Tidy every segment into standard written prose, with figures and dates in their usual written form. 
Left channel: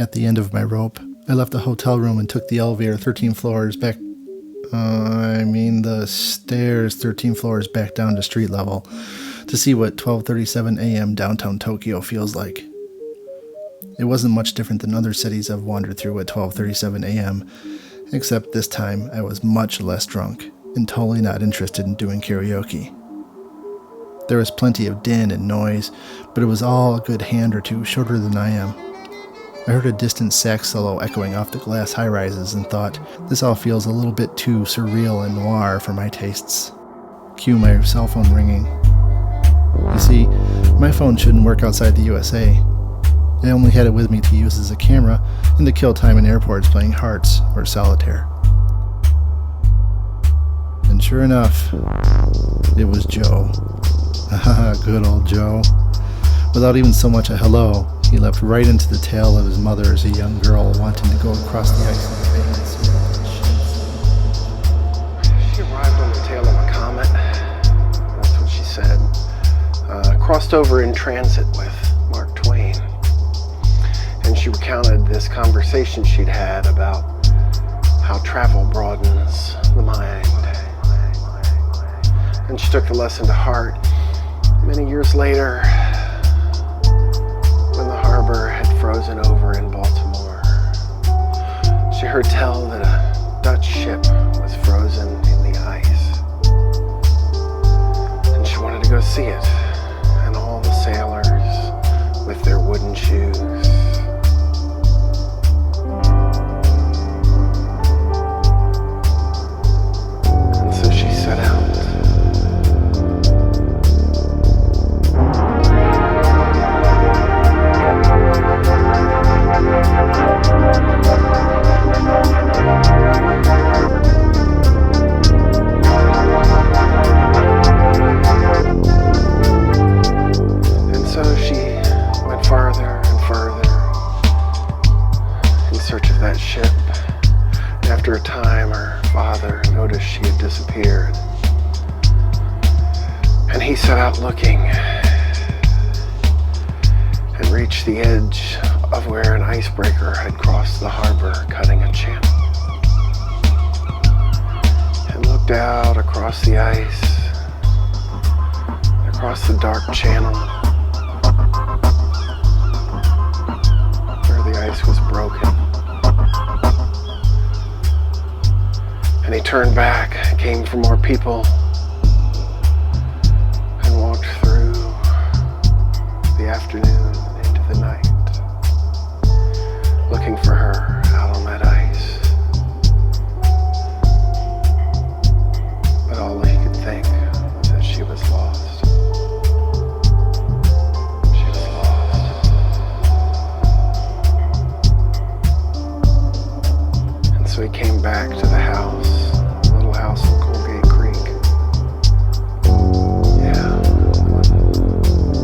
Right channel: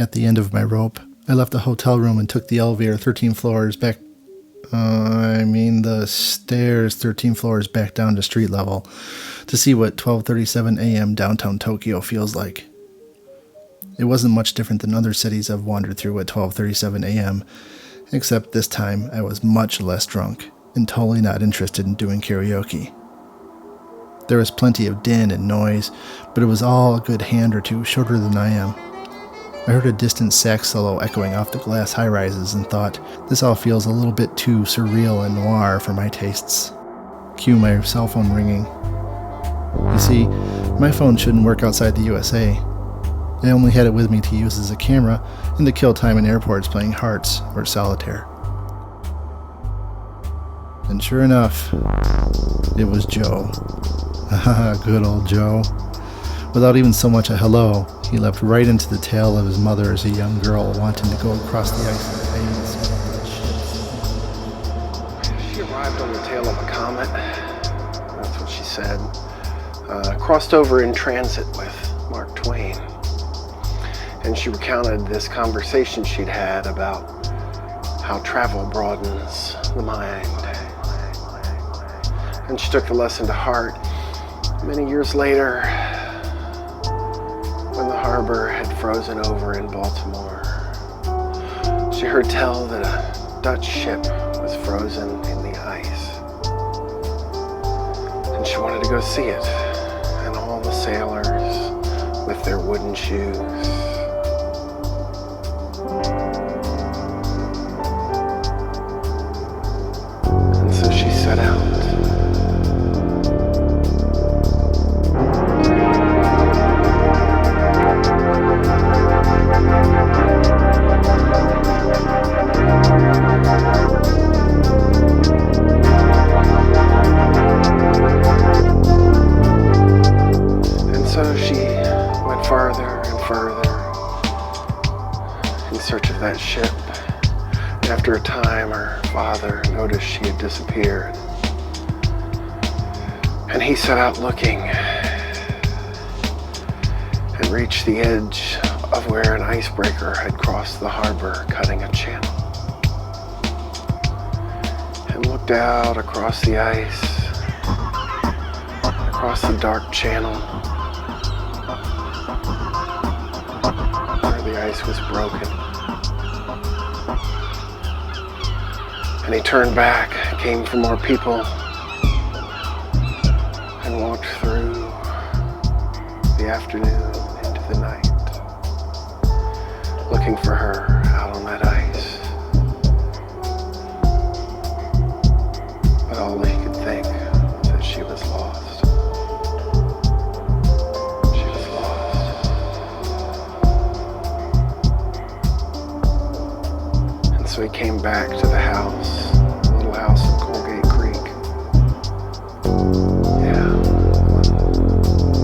At the end of my rope, I left the hotel room and took the elevator 13 floors back. The stairs 13 floors back down to street level to see what 12:37 a.m. downtown Tokyo feels like. It wasn't much different than other cities I've wandered through at 12:37 a.m., except this time I was much less drunk and totally not interested in doing karaoke. There was plenty of din and noise, but it was all a good hand or two shorter than I am. I heard a distant sax solo echoing off the glass high-rises and thought, this all feels a little bit too surreal and noir for my tastes. Cue my cell phone ringing. You see, my phone shouldn't work outside the USA. I only had it with me to use as a camera and to kill time in airports playing Hearts or Solitaire. And sure enough, it was Joe. Good old Joe. Without even so much a hello, he leapt right into the tail of his mother as a young girl wanting to go across the ice in the bay to see the ships. She arrived on the tail of a comet. That's what she said. Crossed over in transit with Mark Twain. And she recounted this conversation she'd had about how travel broadens the mind. And she took the lesson to heart. Many years later, when the harbor had frozen over in Baltimore, she heard tell that a Dutch ship was frozen in the ice. And she wanted to go see it, and all the sailors with their wooden shoes. And so she set out. So she went farther and further in search of that ship. And after a time, her father noticed she had disappeared. And he set out looking and reached the edge of where an icebreaker had crossed the harbor, cutting a channel. And looked out across the ice, across the dark channel, the ice was broken. And he turned back, came for more people, and walked through the afternoon into the night, looking for her out on that ice. But all he could think was that she was lost. So he came back to the house, the little house in Colgate Creek. Yeah,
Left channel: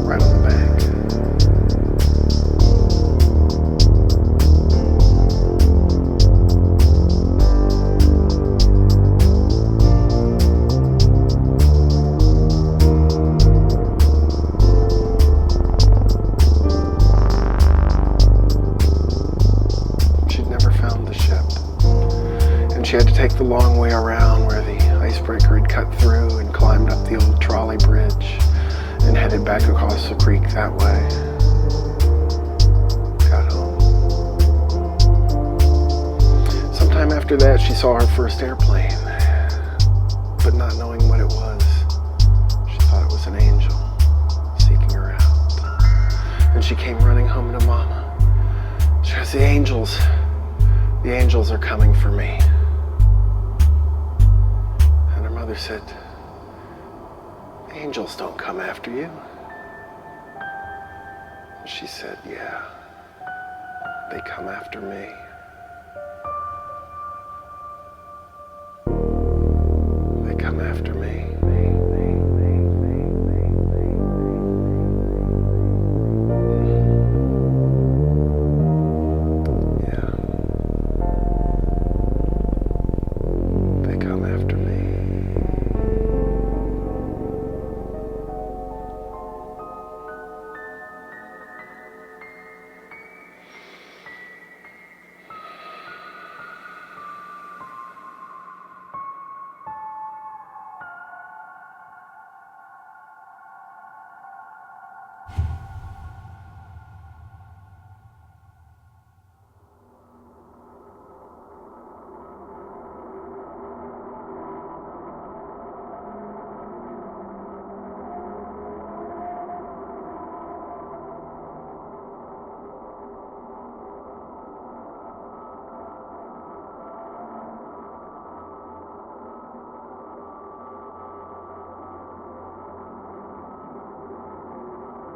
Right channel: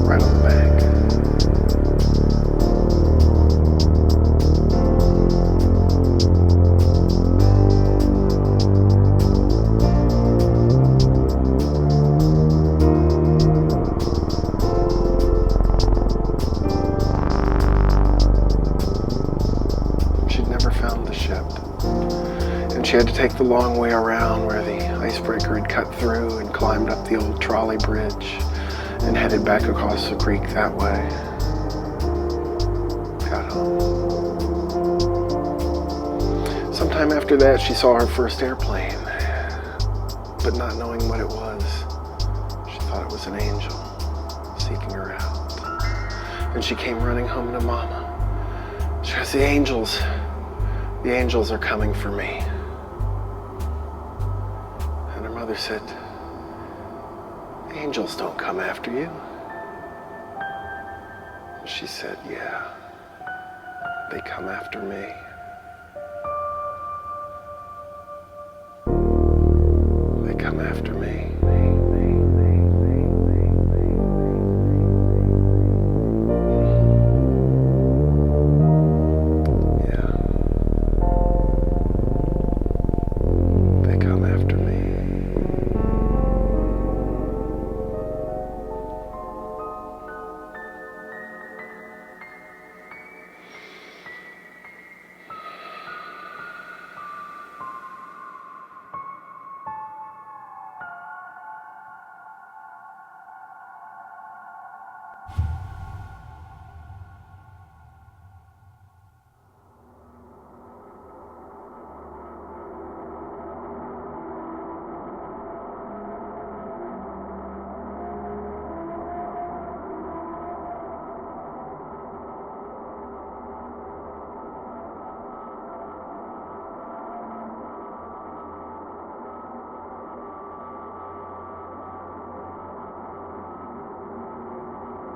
right on the bank. She'd never found the ship. She had to take the long way around where the icebreaker had cut through and climbed up the old trolley bridge and headed back across the creek that way. Got home. Sometime after that, she saw her first airplane, but not knowing what it was, she thought it was an angel seeking her out. And she came running home to Mama. She goes, the angels are coming for me. Mother said, angels don't come after you. And she said, yeah, they come after me. They come after me.